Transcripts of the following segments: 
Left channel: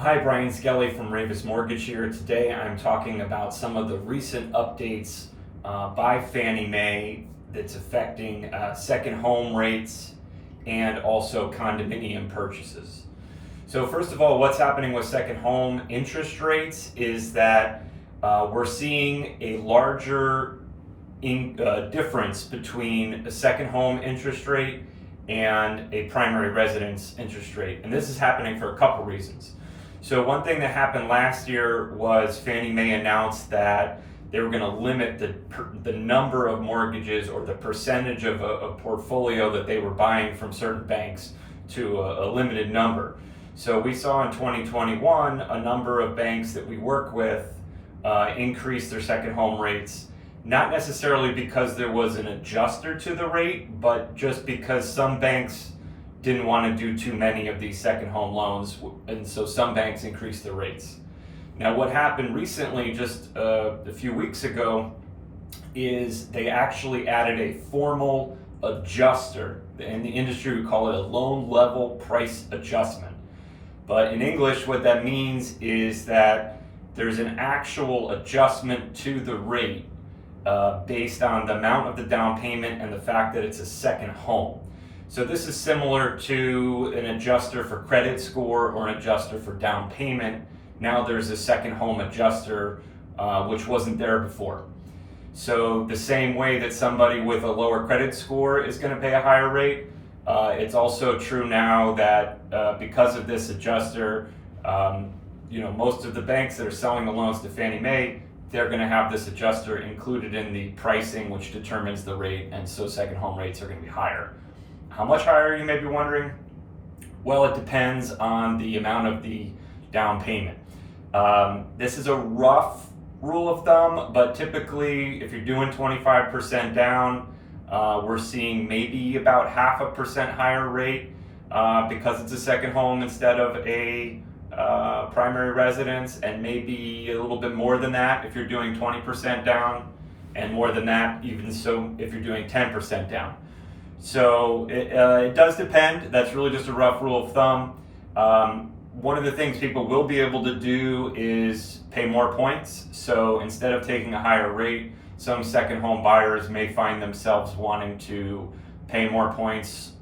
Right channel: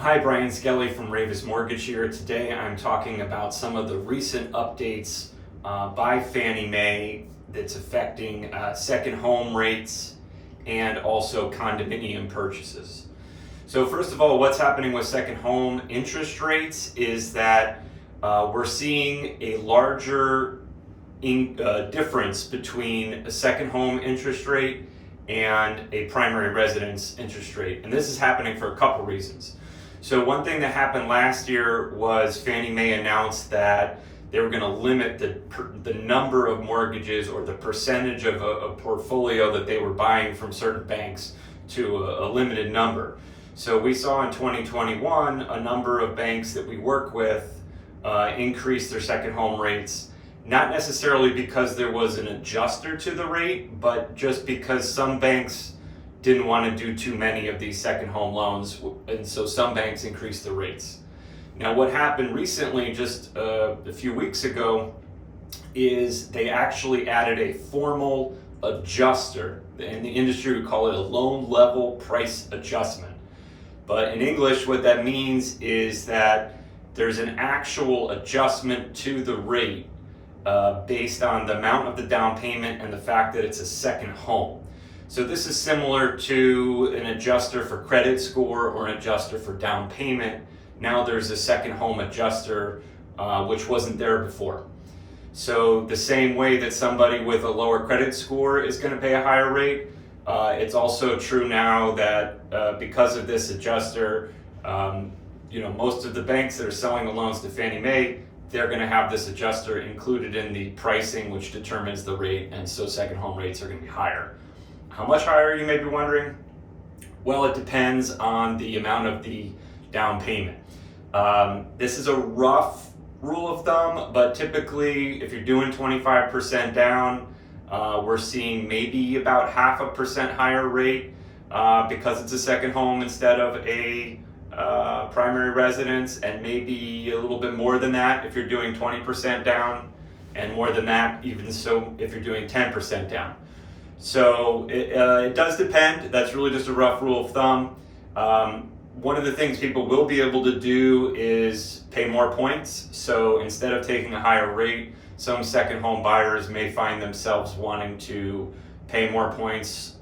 Hi, Brian Skelly from Ravis Mortgage here. Today I'm talking about some of the recent updates by Fannie Mae that's affecting second home rates and also condominium purchases. So first of all, what's happening with second home interest rates is that we're seeing a larger difference between a second home interest rate and a primary residence interest rate. And this is happening for a couple reasons. So one thing that happened last year was Fannie Mae announced that they were going to limit the number of mortgages or the percentage of a portfolio that they were buying from certain banks to a limited number. So we saw in 2021 a number of banks that we work with increase their second home rates, not necessarily because there was an adjuster to the rate, but just because some banks didn't want to do too many of these second home loans, and so some banks increased the rates. Now what happened recently, just a few weeks ago, is they actually added a formal adjuster. In the industry we call it a loan level price adjustment. But in English what that means is that there's an actual adjustment to the rate based on the amount of the down payment and the fact that it's a second home. So this is similar to an adjuster for credit score or an adjuster for down payment. Now there's a second home adjuster, which wasn't there before. So the same way that somebody with a lower credit score is going to pay a higher rate, it's also true now that because of this adjuster, most of the banks that are selling the loans to Fannie Mae, they're going to have this adjuster included in the pricing, which determines the rate, and so second home rates are going to be higher. How much higher, you may be wondering? Well, it depends on the amount of the down payment. This is a rough rule of thumb, but typically if you're doing 25% down, we're seeing maybe about 0.5% higher rate because it's a second home instead of a primary residence, and maybe a little bit more than that if you're doing 20% down, and more than that even so if you're doing 10% down. So it does depend. That's really just a rough rule of thumb. One of the things people will be able to do is pay more points. So instead of taking a higher rate, some second home buyers may find themselves wanting to pay more points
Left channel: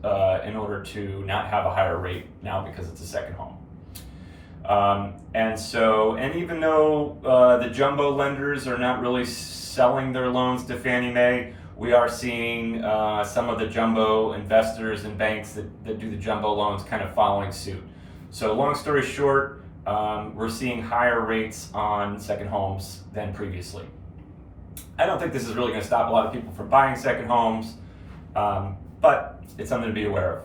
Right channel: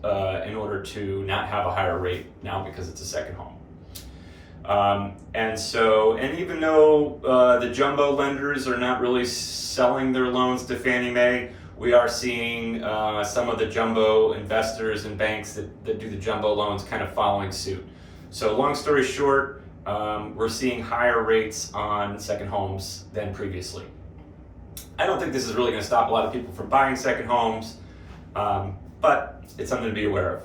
in order to not have a higher rate now because it's a second home. And even though the jumbo lenders are not really selling their loans to Fannie Mae, we are seeing some of the jumbo investors and banks that do the jumbo loans kind of following suit. So long story short, we're seeing higher rates on second homes than previously. I don't think this is really going to stop a lot of people from buying second homes, but it's something to be aware of.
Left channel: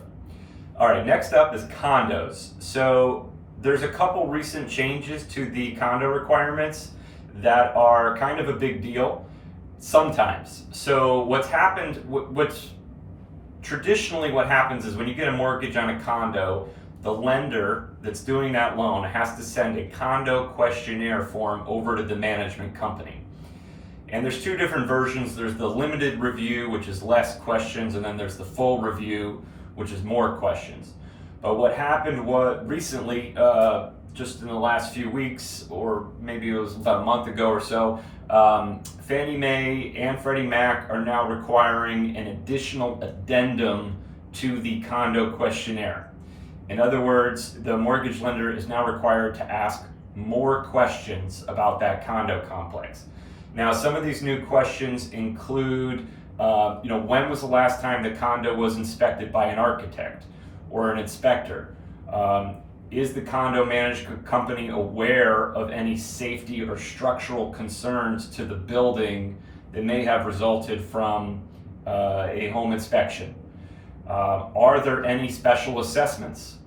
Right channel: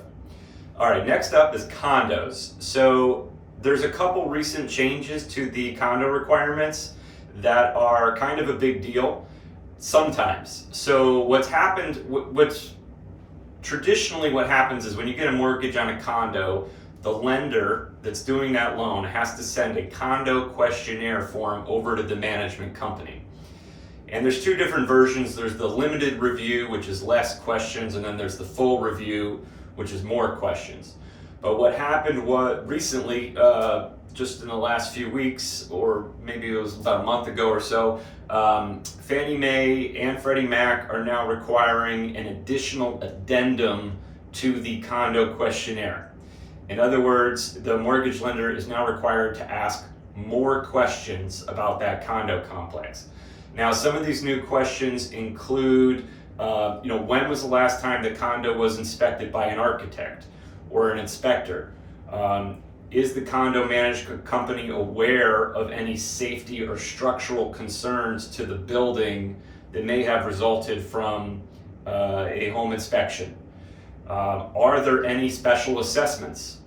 All right, next up is condos. So there's a couple recent changes to the condo requirements that are kind of a big deal. Sometimes. So what's happened, traditionally what happens is when you get a mortgage on a condo, the lender that's doing that loan has to send a condo questionnaire form over to the management company. And there's two different versions. There's the limited review, which is less questions, and then there's the full review, which is more questions. But what happened recently, just in the last few weeks, or maybe it was about a month ago or so, Fannie Mae and Freddie Mac are now requiring an additional addendum to the condo questionnaire. In other words, the mortgage lender is now required to ask more questions about that condo complex. Now, some of these new questions include, when was the last time the condo was inspected by an architect or an inspector? Is the condo management company aware of any safety or structural concerns to the building that may have resulted from a home inspection? Are there any special assessments?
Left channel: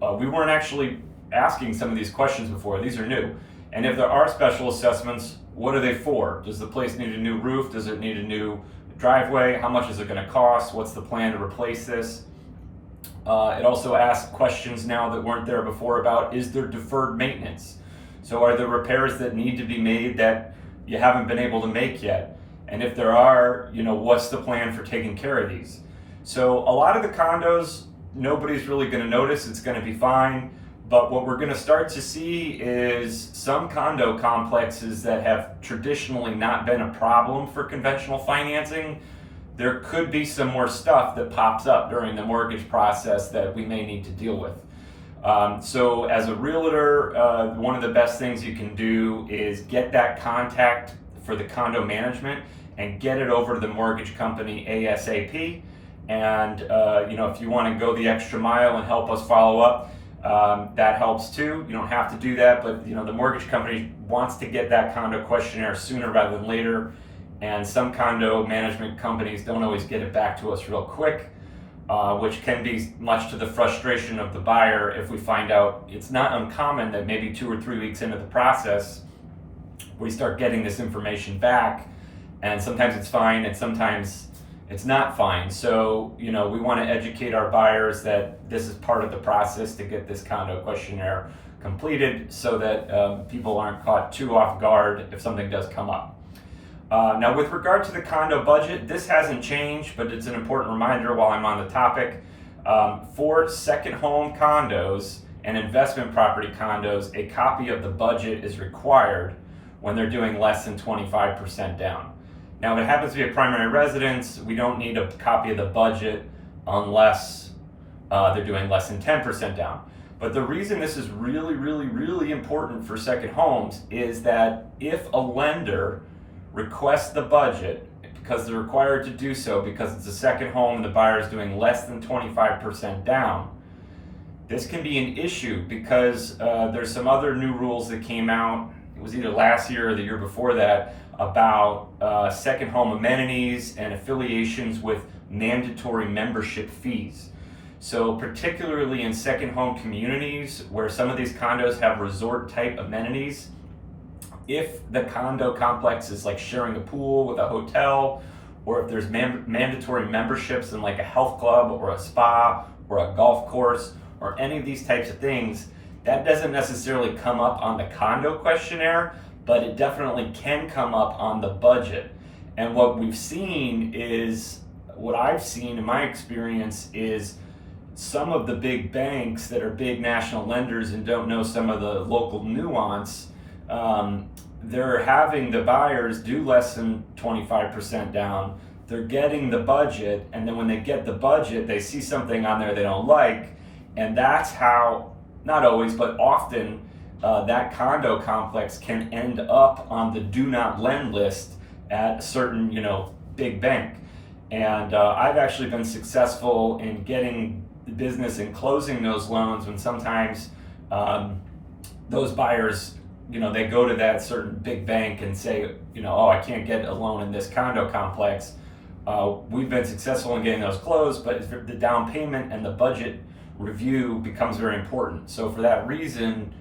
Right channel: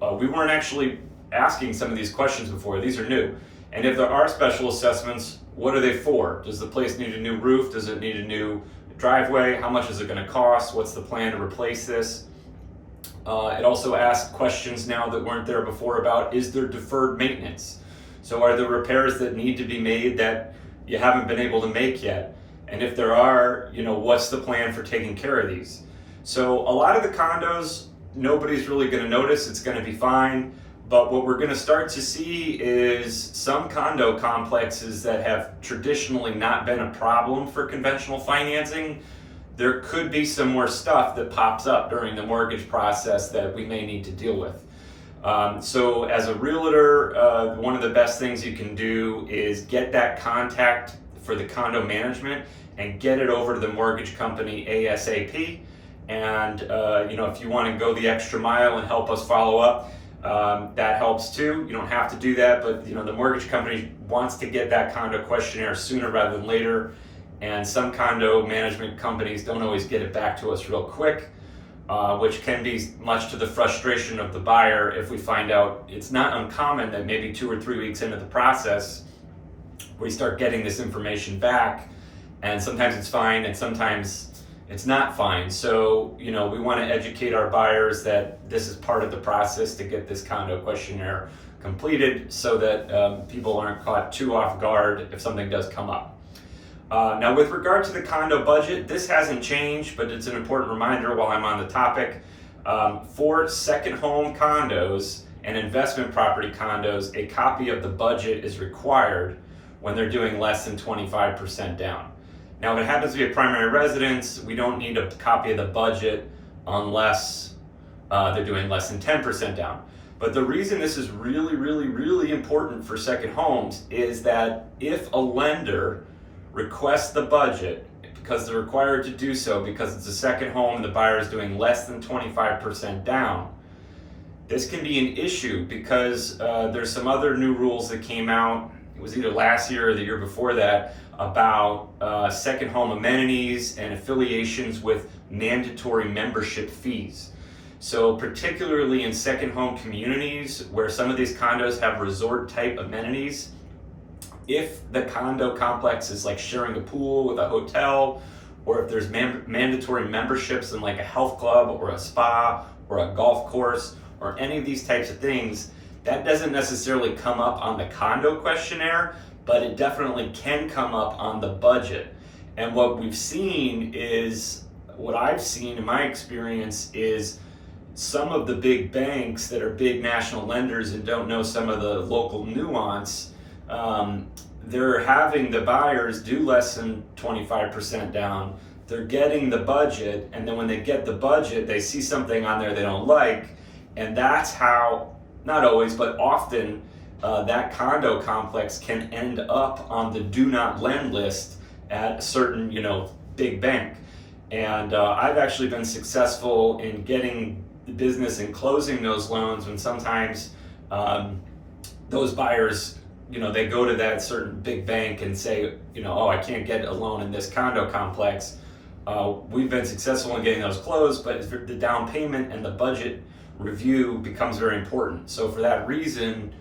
We weren't actually asking some of these questions before. These are new. And if there are special assessments, what are they for? Does the place need a new roof? Does it need a new driveway? How much is it going to cost? What's the plan to replace this? It also asks questions now that weren't there before about, is there deferred maintenance? So are there repairs that need to be made that you haven't been able to make yet? And if there are, what's the plan for taking care of these? So a lot of the condos, nobody's really going to notice. It's going to be fine. But what we're going to start to see is some condo complexes that have traditionally not been a problem for conventional financing. There could be some more stuff that pops up during the mortgage process that we may need to deal with. So as a realtor, one of the best things you can do is get that contact for the condo management and get it over to the mortgage company ASAP. And if you want to go the extra mile and help us follow up, that helps too. You don't have to do that, but the mortgage company wants to get that condo questionnaire sooner rather than later. And some condo management companies don't always get it back to us real quick, which can be much to the frustration of the buyer if we find out. It's not uncommon that maybe 2 or 3 weeks into the process, we start getting this information back, and sometimes it's fine and sometimes it's not fine. So, we want to educate our buyers that this is part of the process to get this condo questionnaire completed so that people aren't caught too off guard if something does come up. Now, with regard to the condo budget, this hasn't changed, but it's an important reminder while I'm on the topic. For second home condos and investment property condos, a copy of the budget is required when they're doing less than 25% down. Now, if it happens to be a primary residence, we don't need a copy of the budget unless they're doing less than 10% down. But the reason this is really, really, really important for second homes is that if a lender requests the budget, because they're required to do so because it's a second home and the buyer is doing less than 25% down, this can be an issue because there's some other new rules that came out. It was either last year or the year before that, about second home amenities and affiliations with mandatory membership fees. So particularly in second home communities where some of these condos have resort type amenities, if the condo complex is like sharing a pool with a hotel, or if there's mandatory memberships in like a health club or a spa or a golf course or any of these types of things, that doesn't necessarily come up on the condo questionnaire, but it definitely can come up on the budget. And what I've seen in my experience is some of the big banks that are big national lenders and don't know some of the local nuance, they're having the buyers do less than 25% down. They're getting the budget, and then when they get the budget, they see something on there they don't like, and that's how, not always, but often, that condo complex can end up on the do not lend list at a certain, big bank. And I've actually been successful in getting the business and closing those loans when sometimes those buyers, they go to that certain big bank and say, oh, I can't get a loan in this condo complex. We've been successful in getting those closed, but the down payment and the budget review becomes very important. So for that reason,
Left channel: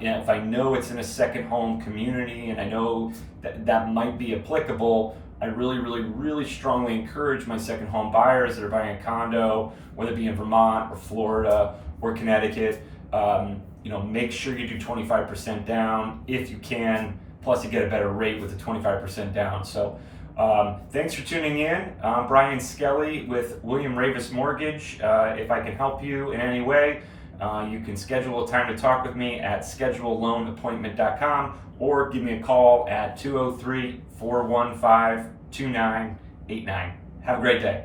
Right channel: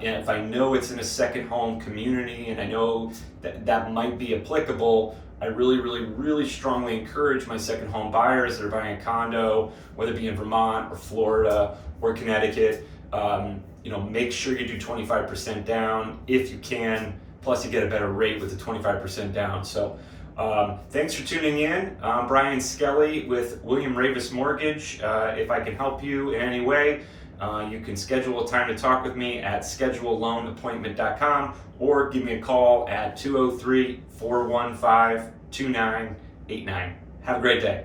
if I know it's in a second home community and I know that might be applicable, I really, really, really strongly encourage my second home buyers that are buying a condo, whether it be in Vermont or Florida or Connecticut, make sure you do 25% down if you can, plus you get a better rate with the 25% down. So thanks for tuning in. I'm Brian Skelly with William Ravis Mortgage. If I can help you in any way, you can schedule a time to talk with me at scheduleloanappointment.com or give me a call at 203-415-2989. Have a great day.